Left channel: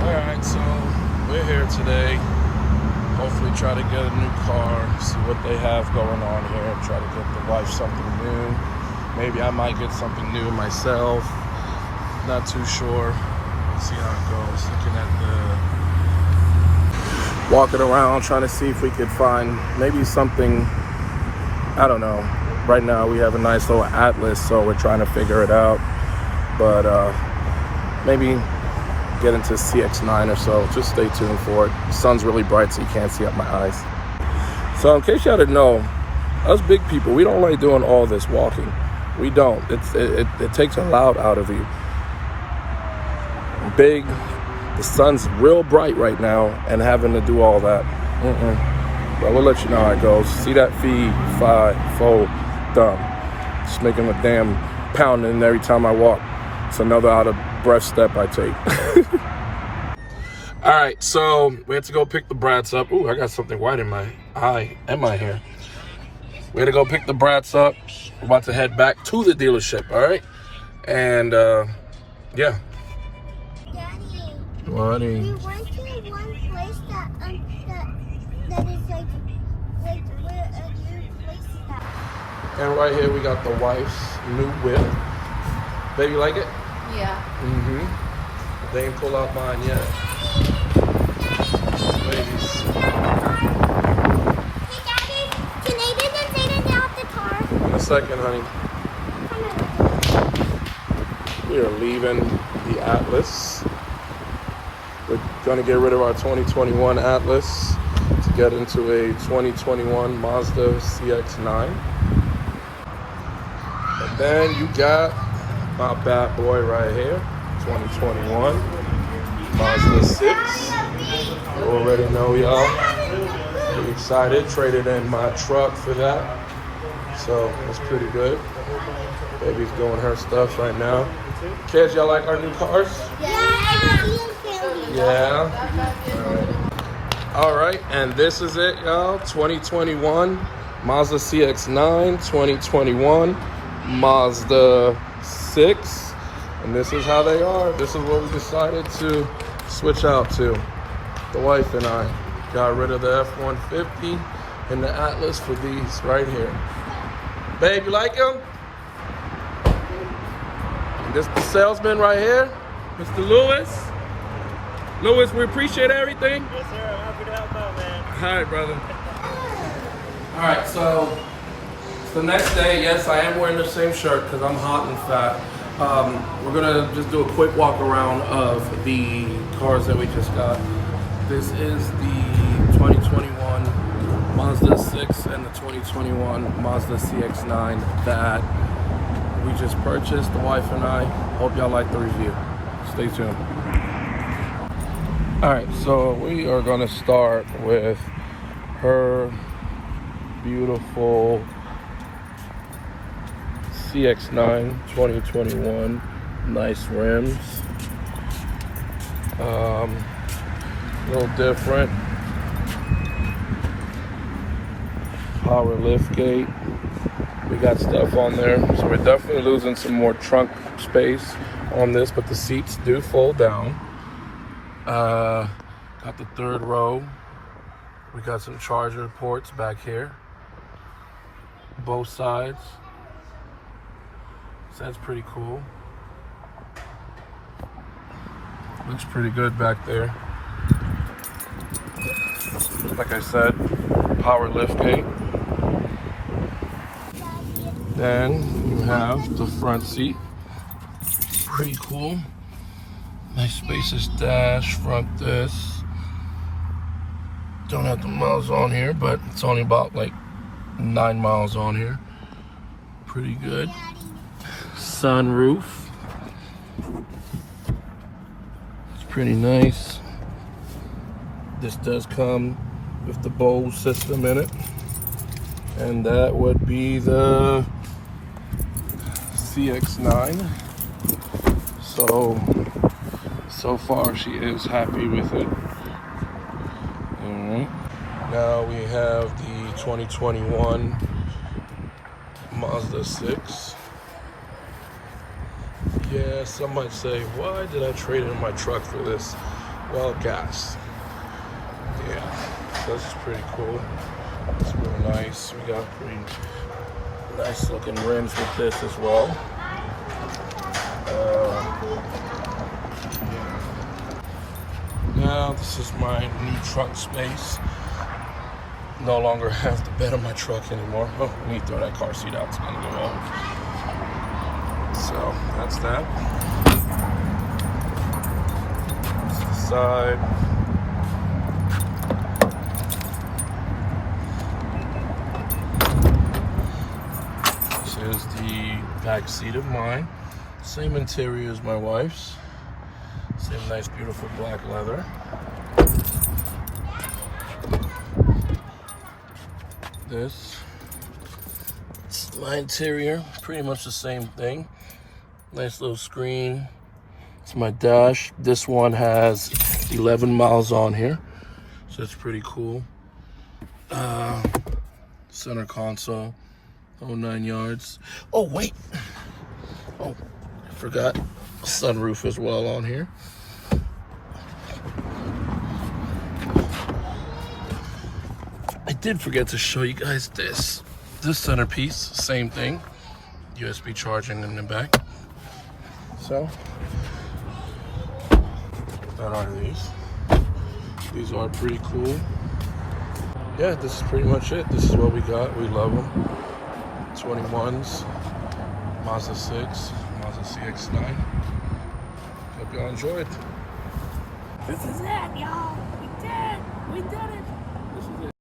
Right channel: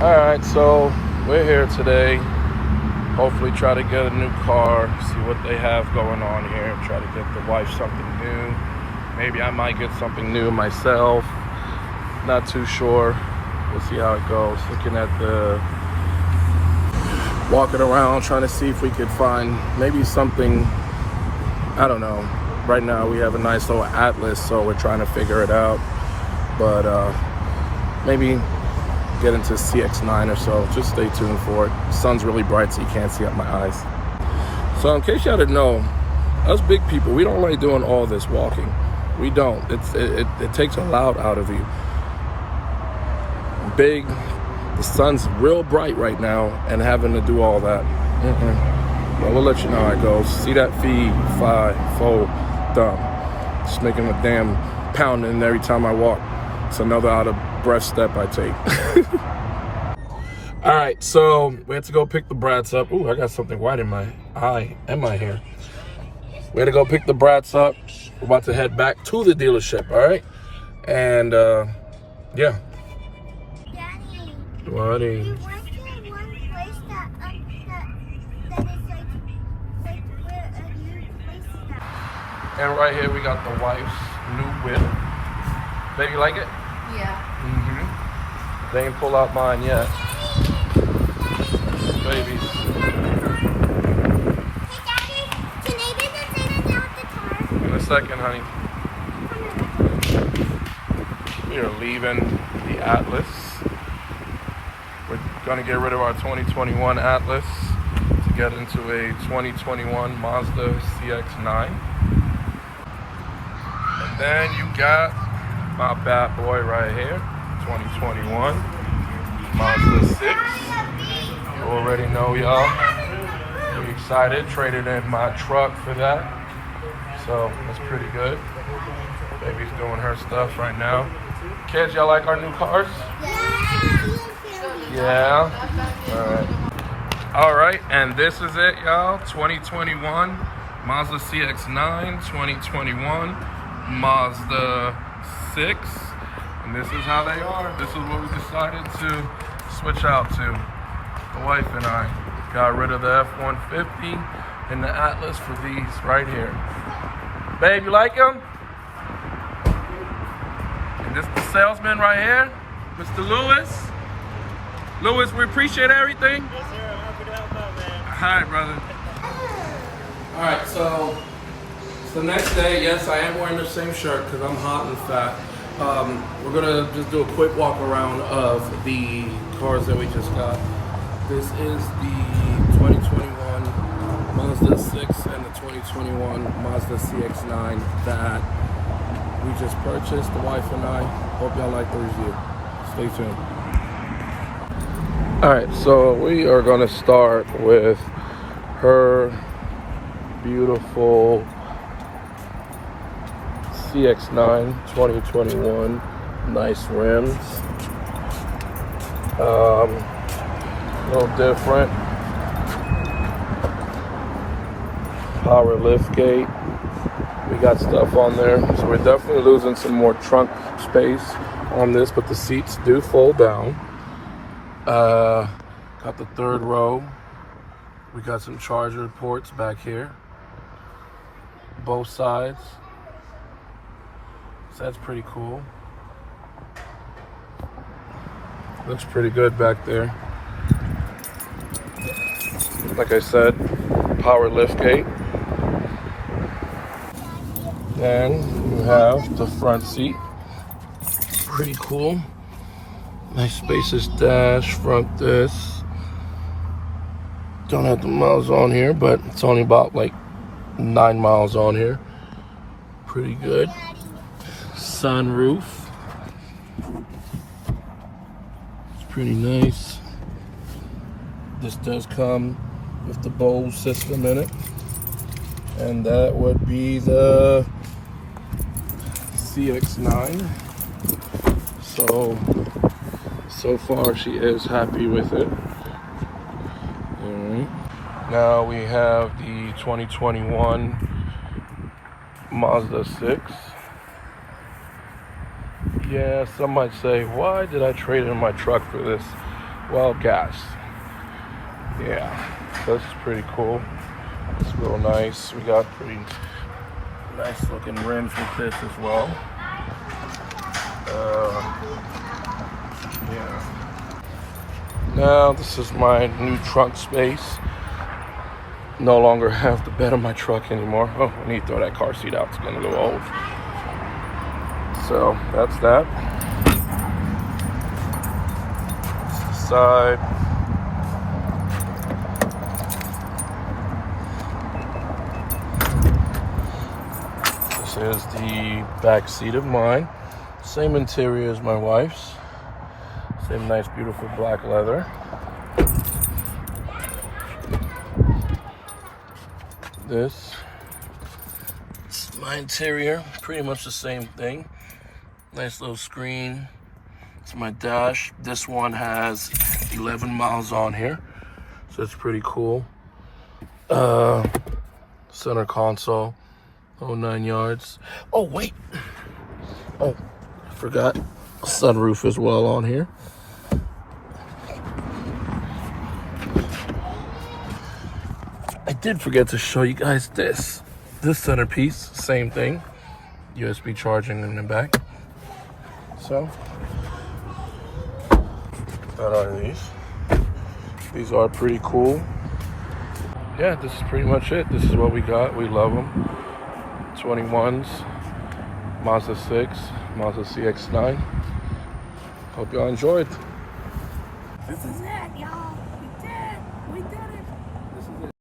Alright, so we're here today. Hopefully try to get a new car, see what they have going on here, try to get the wife something new. Maybe I might get something new myself. Not too sure. We'll see how it goes. Looking at walking around, trying to see if we could find maybe something, I don't know. Right now we have a nice little Atlas, so we're trying to figure it out. But maybe get into CX-9 or so. Just stay tuned for it. The sun's really bright, so you can't see up my eyes. So in case y'all didn't know, us big people, we don't like doing all this walking. We don't. It takes a lot out of you. Big, the sun's real bright right now, and having to do all that. But we'll let you know how it goes. See that feed, 5, 4, thumb. It's making a damn pounding every time I walk. It's another out of breath step I take. All right, so we had to go pick the brats up. Ooh, I got something white in my eye and my hair. We had to go pick the brats up. We're about to head back to the dealership, all right? And yeah. Daddy. Buddy. We went to one place that is like where a new place is at. And right here we got the wife's new whip. Baby, you like it? Yeah. They ain't pull out mine yet. Babies. Hey, Daddy, can I get the thing and get off the car? In a second, honey. We are leaving the Atlas. We're gonna get rid of our 2021 Atlas to get into a 2021 Mazda CX-9. And then you got my bad boy right here, 2021 Mazda 6. You already know, y'all. Pretty excited. Traded in my truck for that. So that's pretty good. Baby's doing her stuff right now. Kids, y'all like our new cars? Yeah. All right, and this is it, y'all. 2021 Mazda CX-9, 2021 Mazda 6, and this is how they are. This is what we decided to switch out to. The wife and I got rid of the F-150 and the Atlas for these right here. Babe, you like them? And this the salesman right here, Mr. Lewis. Lewis, we appreciate everything. Yes, sir. I'm happy to help out, man. All right, brother. All right, so it's the next day. Yes, I am wearing the same shirt because I'm hot and fat. We're gonna just do a quick walk around of the cars that we just got. This is the 2021 Mazda 6 and the 2021 Mazda CX-9 that we just purchased, the wife and I. Hope y'all like the review. Stay tuned. All right, so we are gonna start with her beautiful CX-9 2021. Nice rims. No different. Power lift gate. We got stuff on there, so we're definitely losing some more trunk space on this, but the seats do fold down. Got the third row. We got some charger ports back here, both sides. So that's pretty cool. Looks pretty good back there. Like I said, power lift gate. Then you have the front seat. Pretty cool. Nice spacious dash, front this. Don't have the miles on here, but it's only about like 9 miles on here. Pretty good. Sunroof. It's pretty nice. This does come with the Bose system in it. And that would be the CX-9. So far she is happy with it. Now we have the 2021 Mazda 6. Yeah, some might say, why did I trade in my truck for this? well gas. Yeah, so this is pretty cool. It's real nice. We got pretty nice looking rims with this as well. Yeah. Now this is my new trunk space. No longer have the bed on my truck anymore. Oh, I need to throw that car seat out. It's getting a little old. So that's that. Side. This is the back seat of mine. Same interior as my wife's. Same nice, beautiful black leather. This is my interior, pretty much the same thing. Nice little screen. It's my dash. This one has 11 miles on here, so it's pretty cool. Center console, oh 9 yards. Oh wait, oh I forgot, sunroof as well on here. I did forget to show you guys this centerpiece, same thing, USB charging in the back. So that are these. These are pretty cool. Yeah, this is pretty much it. This is what we got. We love them. 21s, Mazda 6, Mazda CX-9. Hope y'all enjoyed. This is it, y'all.